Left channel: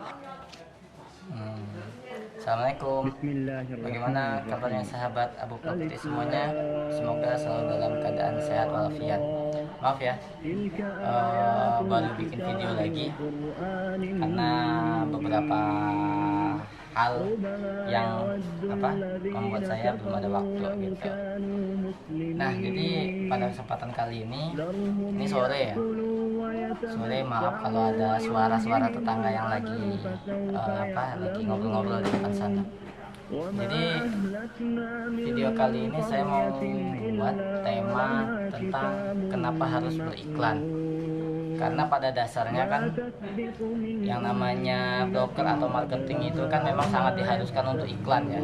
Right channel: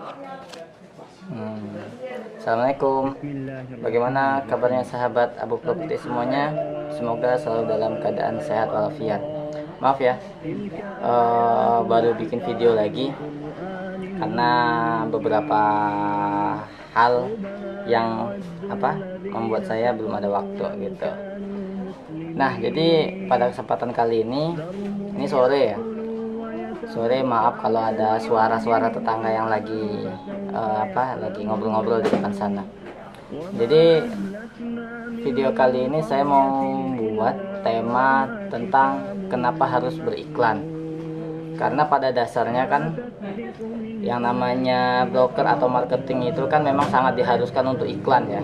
Hmm. Assalamualaikum. Bagaimana kabarnya sahabat Abu Properti semuanya? Semoga selalu dalam keadaan sehat walafiat. Maaf ya, baru bikin video lagi karena beberapa hal yang membuat saya belum ada waktu gitu. Nah, jadi pada kesempatan kali ini sore ya. Sore, maaf kalau ada suara-suara tetangga yang lagi lagi ngobrol-ngobrol di depan sana. Jadi video kali ini saya mau buat tema tentang kenapa harus beriklan. Karena pada dasarnya kan yang namanya broker atau marketing itu kan memang sangat diharuskan untuk iklan ya.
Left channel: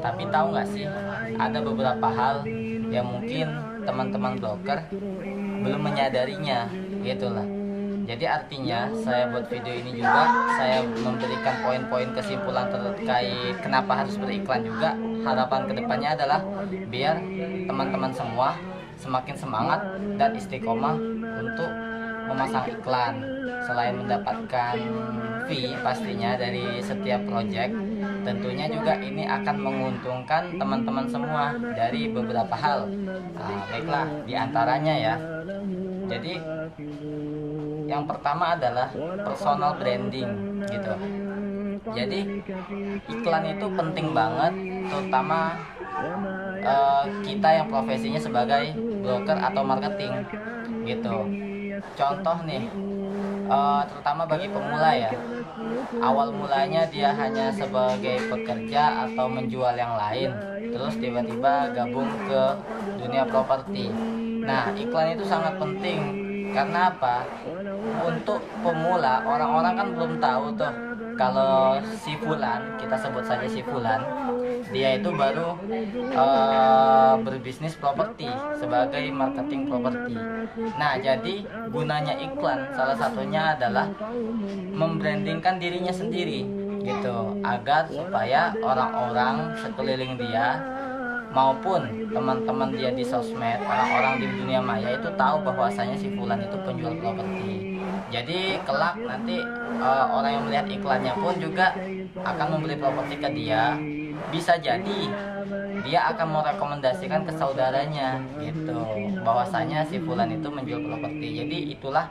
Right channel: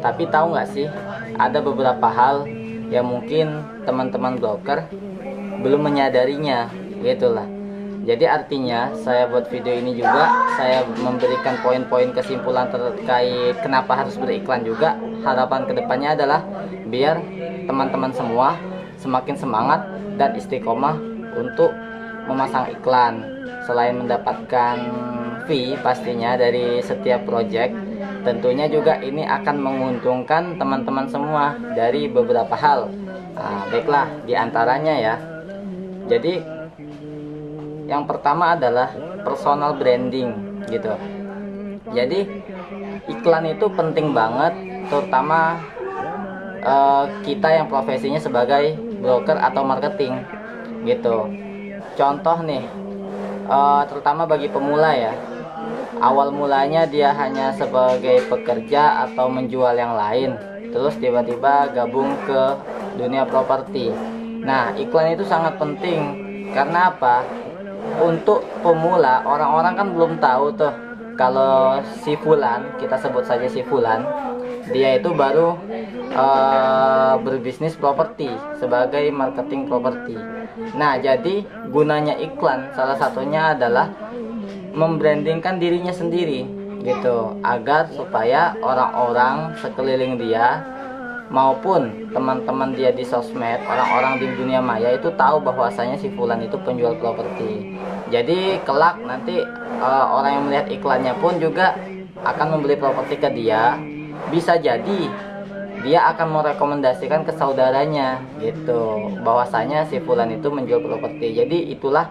Tapi tahu nggak sih, ada beberapa hal yang mungkin teman-teman broker belum menyadarinya, gitulah. Jadi artinya saya buat video ini juga saya memberikan poin-poin kesimpulan terkait kenapa harus beriklan juga. Harapan kedepannya adalah biar teman-teman semua semakin semangat dan istiqomah untuk memasang iklan. Selain mendapatkan fee pastinya dari setiap project, tentunya juga ini akan menguntungkan teman-teman semua dari beberapa hal. Baiklah, diantaranya ya. Jadi yang pertama adalah personal branding gitu. Jadi iklan itu penting banget, terutama kita yang profesinya sebagai broker atau marketing gitu. Contoh nih, terutama bagi pemula ya. Awal mulanya dia hanya sebagai pekerja atau menjual yang lain, terus tiba-tiba gabung ke dunia properti. Nah, iklan itu sangat penting. Karena apa? Untuk pemula, orang-orang kan belum tahu tuh kalau si Fulan, kita sebut saja si Fulan, dia itu baru berbisnis properti sebagai marketing properti. Nah, jadi gunanya iklan salah satunya adalah membrandingkan dirinya sendiri gitu, agar supaya orang-orang sekeliling dia maupun teman-teman dia di sosmed, orang-orang di dunia maya itu tahu bahwasanya si Fulan itu penjual properti. Jadi kelak nanti orang yang melihat iklannya pun juga akan membeli properti ke dia. Bisa jadi dia akan merekomendasikan ke saudaranya gitu, bahwasanya si Fulan itu menjual properti. Jadi itulah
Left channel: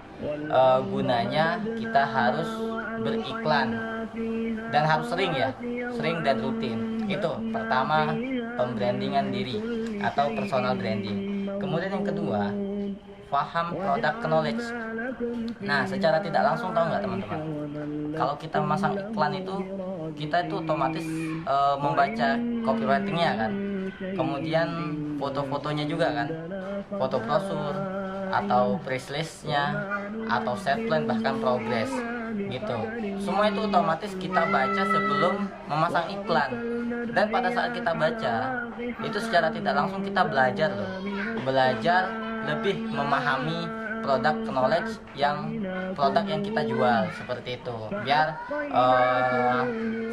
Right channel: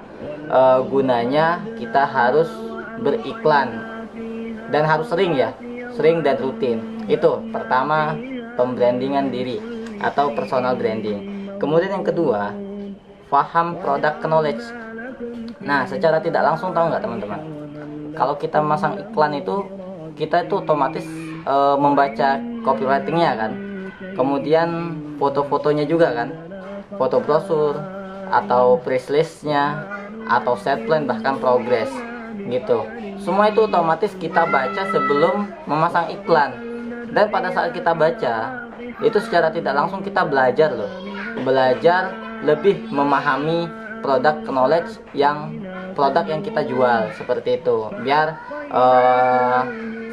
gunanya kita harus beriklan, dan harus sering ya, sering dan rutin. Itu pertama, pembrandingan diri atau personal branding. Kemudian yang kedua, paham product knowledge. Nah, secara tidak langsung tahu nggak teman-teman, kalau kita masang iklan itu kita itu otomatis membaca copywritingnya kan, kemudian foto-fotonya juga kan, foto brosur atau price listnya atau set plan, bahkan progress gitu. Semua itu otomatis kita baca sebelum memasang iklan. Dan pada saat kita baca itu secara tidak langsung kita belajar loh, belajar lebih memahami produk knowledge produk yang kita jual, seperti itu. Biar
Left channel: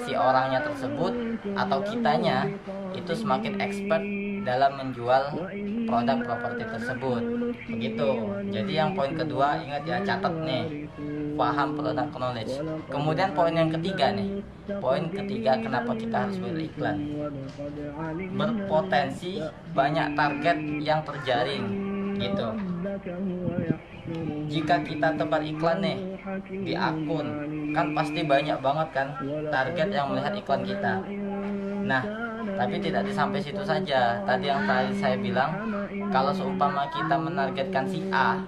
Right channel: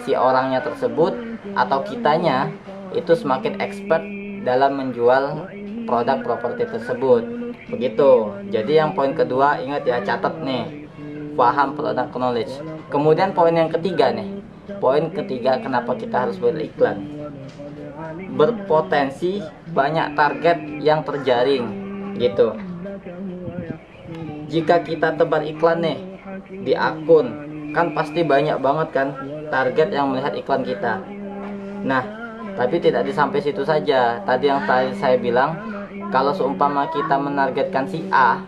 si orangnya tersebut atau kitanya itu semakin expert dalam menjual produk properti tersebut. Begitu. Jadi yang poin kedua, ingat ya, catat nih, paham produk knowledge. Kemudian poin yang ketiga nih, poin ketiga kenapa kita harus beriklan, berpotensi banyak target yang terjaring gitu. Jika kita tebar iklan nih di akun, kan pasti banyak banget kan target yang melihat iklan kita. Nah, tapi tidak sampai situ saja. Tadi yang saya bilang, kalau seumpama kita menargetkan si A,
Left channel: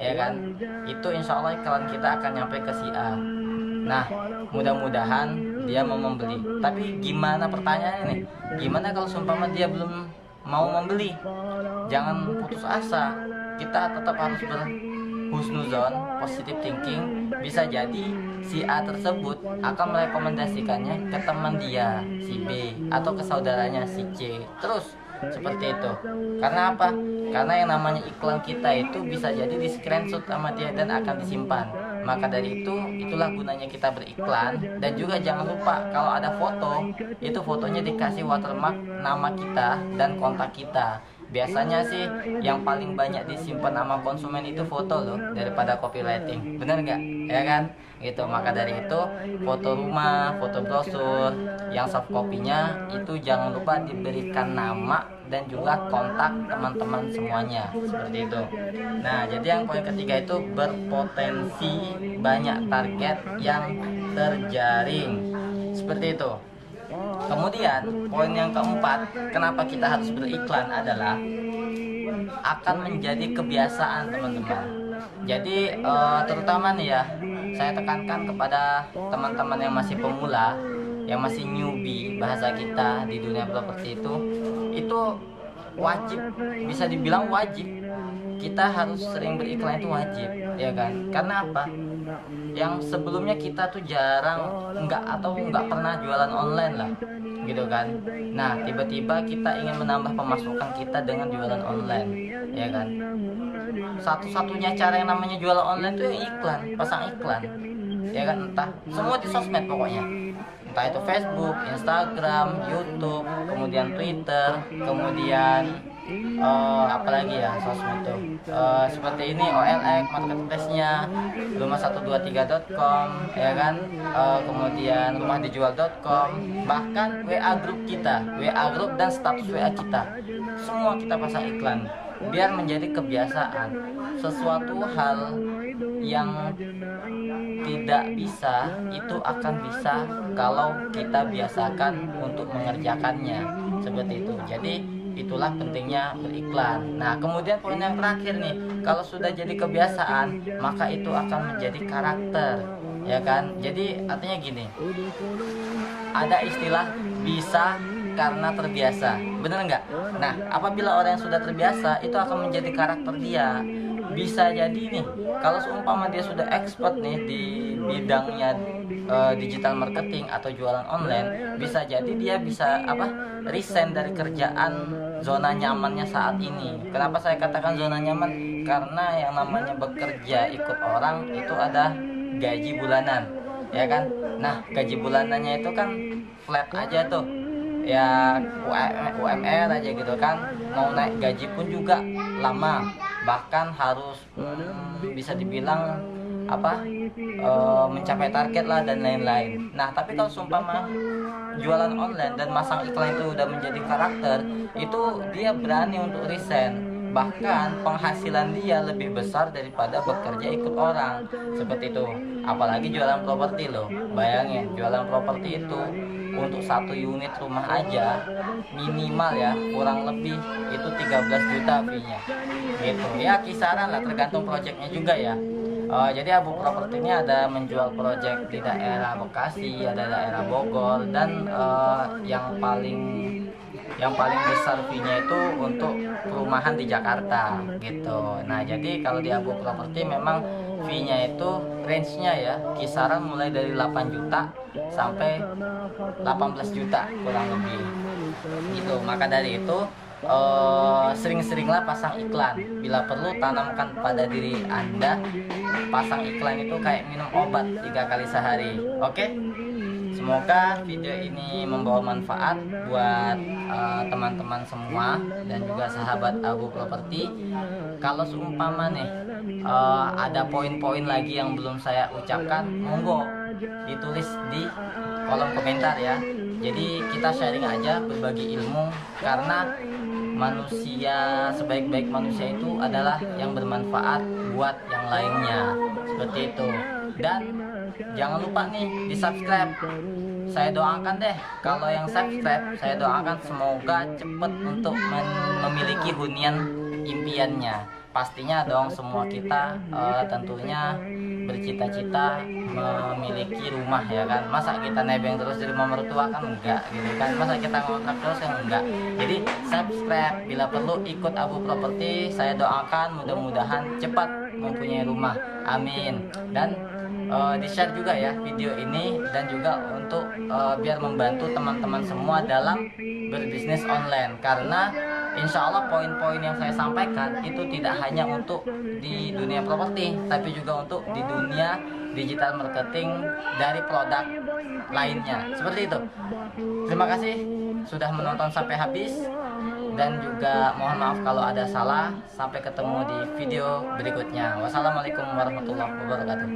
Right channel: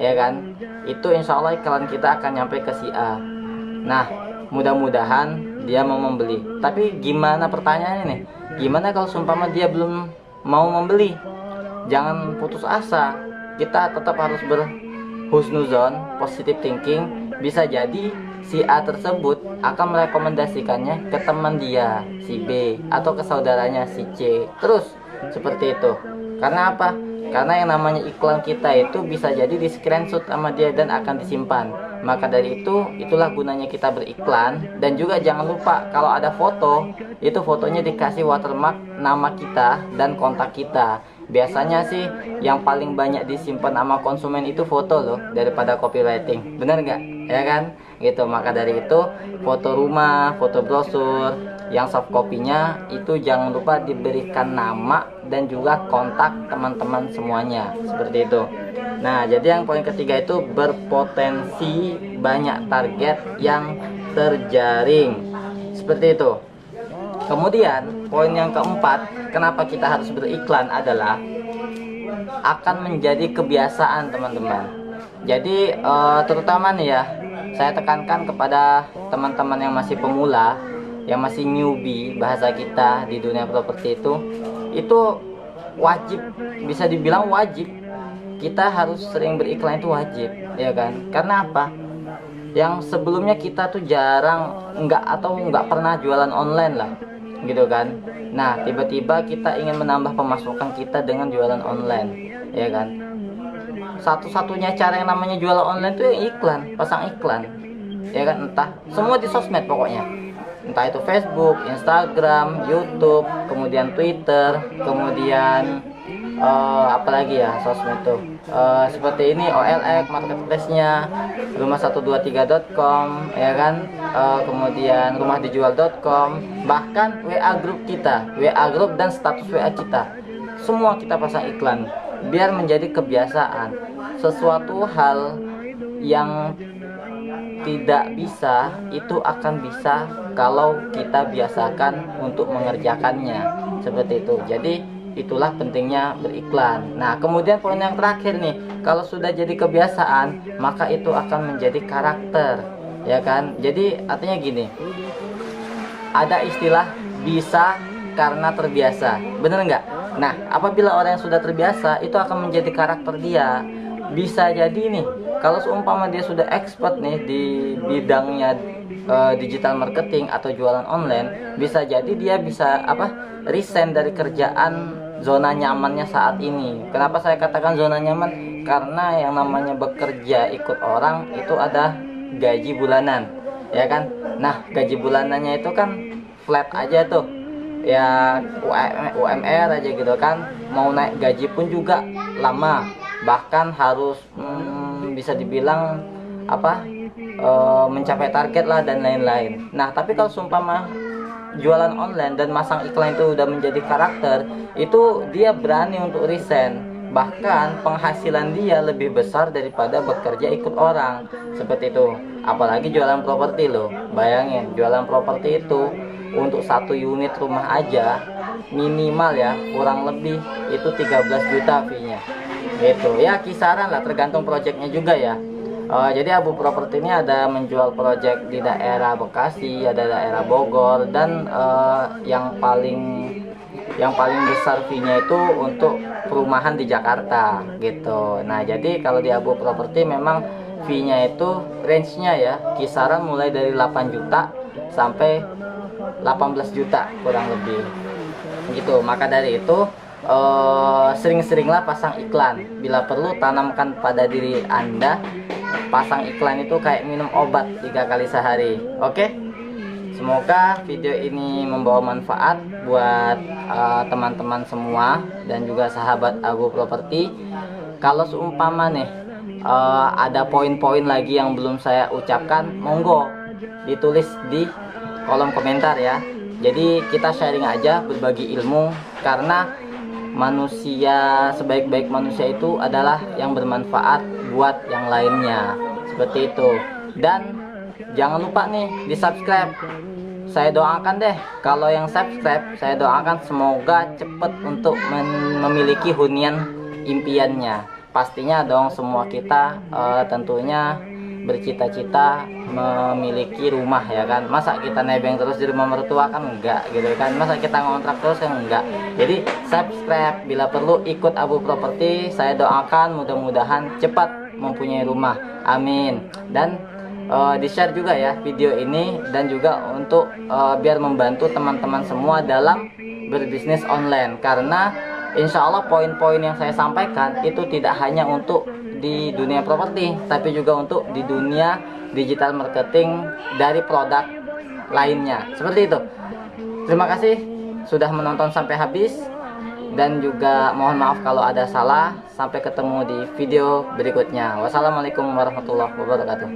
ya kan, itu insya Allah iklan kita akan nyampe ke si A. Nah, mudah-mudahan dia mau membeli. Tapi gimana, pertanyaannya nih, gimana kalau seumpama dia belum mau membeli? Jangan putus asa, kita tetap harus berhusnuzon, positive thinking. Bisa jadi si A tersebut akan merekomendasikannya ke teman dia, si B, atau ke saudaranya, si C. Terus seperti itu. Karena apa? Karena yang namanya iklan kita itu bisa jadi di screenshot sama dia dan akan disimpan. Maka dari itu, itulah gunanya kita beriklan. Dan juga jangan lupa kalau ada foto, itu fotonya dikasih watermark nama kita dan kontak kita. Biasanya sih yang paling banyak disimpan sama konsumen itu foto loh, daripada copywriting. Bener nggak? Ya kan? Gitu. Maka dari itu, foto rumah, foto brosur, yang soft copy-nya itu jangan lupa diberikan nama dan juga kontak teman-teman semuanya. Seperti itu. Nah, jadi yang poin ketiga itu berpotensi banyak target yang terjaring. Seperti itu. Kemudian poin yang keempat, kenapa kita harus beriklan adalah akan menjadi kebiasaan, teman-teman. Jadi terutama nih ya, saya tekankan kepada teman-teman yang masih pemula, yang masih newbie bahasa kita di dunia properti itu wajib, bisa dibilang wajib. Kita harus sering beriklan, itu wajib, ya kan? Karena apa? Yang sebelumnya kita tuh jarang nggak pernah jualan online lah, gitu kan. Nah, tiba-tiba kita ingin menambah pemasukan kita dengan jualan online, ya kan. Satu-satunya cara yang namanya jualan online tuh iklan, pasang iklan, ya kan. Entah semua di sosmed pokoknya, entah itu Facebook, Instagram, YouTube, kemudian Twitter, kemudian apalagi ya sosmed tuh, seperti ini OLX marketplace-nya, rumah123.com, ya kan, kemudian rumahdijual.com, bahkan WA grup kita, WA grup dan status WA kita, semua kita pasang iklan biar menjadi kebiasaan. Sesuatu hal yang tidak bisa itu akan bisa kalau kita biasakan untuk mengerjakannya, seperti itu. Jadi itulah pentingnya beriklan. Nah, kemudian poin yang terakhir nih, kalau sudah jadi kebiasaan, maka itu akan menjadi karakter, ya kan. Jadi artinya gini, ada istilah bisa karena terbiasa, bener nggak? Nah, apabila orang yang sudah terbiasa, itu akan menjadi karakter dia. Bisa jadi nih, kalau seumpama dia sudah expert nih di bidangnya digital marketing atau jualan online, bisa jadi dia bisa resign dari kerjaan zona nyamannya saat ini. Kenapa saya katakan zona nyaman? Karena yang namanya bekerja ikut orang itu ada gaji bulanan, ya kan. Nah, gaji bulanannya itu kan flat aja tuh, ya UMR aja gitu kan. Mau naik gaji pun juga lama, bahkan harus bisa dibilang mencapai target lah dan lain-lain. Nah, tapi kalau seumpama jualan online dan masang iklan itu udah menjadi karakter, itu dia berani untuk resign, bahkan penghasilan dia lebih besar daripada bekerja ikut orang, seperti itu. Apalagi jualan properti loh, bayangin jualan properti itu untuk 1 unit rumah aja minimal ya kurang lebih itu 13 juta fee-nya, gitu ya, kisaran lah, tergantung projectnya juga ya. Jadi Abu Properti ini ada menjual proyek di daerah Bekasi, ada daerah Bogor, dan yang paling besar fee-nya itu untuk perumahan di Jakarta, gitu. Nah, jadi kalau di Abu Properti memang fee-nya itu range-nya ya kisaran mulai dari 8 juta sampai 18 juta kurang lebih, gitu. Maka dari itu sering-seringlah pasang iklan. Bila perlu tanamkan pada diri Anda, pasang iklan itu kayak minum obat 3 kali sehari. Oke? Semoga video ini membawa manfaat buat teman-teman semua dan juga sahabat Abu Properti. Kalau seumpama nih ada poin-poin lagi yang belum saya ucapkan, monggo ditulis di kolom komentar ya. Jadi kita sharing aja, berbagi ilmu, karena manusia, sebaik-baik manusia itu adalah yang bermanfaat buat yang lainnya, seperti itu. Dan jangan lupa nih di subscribe. Saya doakan deh, kalau yang subscribe, saya doakan semoga cepet untuk memiliki hunian impiannya. Pastinya dong, semua kita tentunya bercita-cita memiliki rumah, ya kan. Masa kita nebeng terus di rumah mertua, kan enggak, gitu kan. Masa kita ngontrak terus, kan enggak. Jadi subscribe, bila perlu ikut Abu Properti. Saya doakan mudah-mudahan cepat mempunyai rumah, amin. Dan di share juga ya video ini, dan juga untuk biar membantu teman-teman semua dalam berbisnis online. Karena insya Allah poin-poin yang saya sampaikan itu tidak hanya untuk di dunia properti, tapi juga untuk di dunia digital marketing dari produk lainnya. Seperti itu. Terima kasih sudah menonton sampai habis, dan juga mohon maaf kalau ada salah. Sampai ketemu di video berikutnya. Wassalamualaikum warahmatullahi wabarakatuh.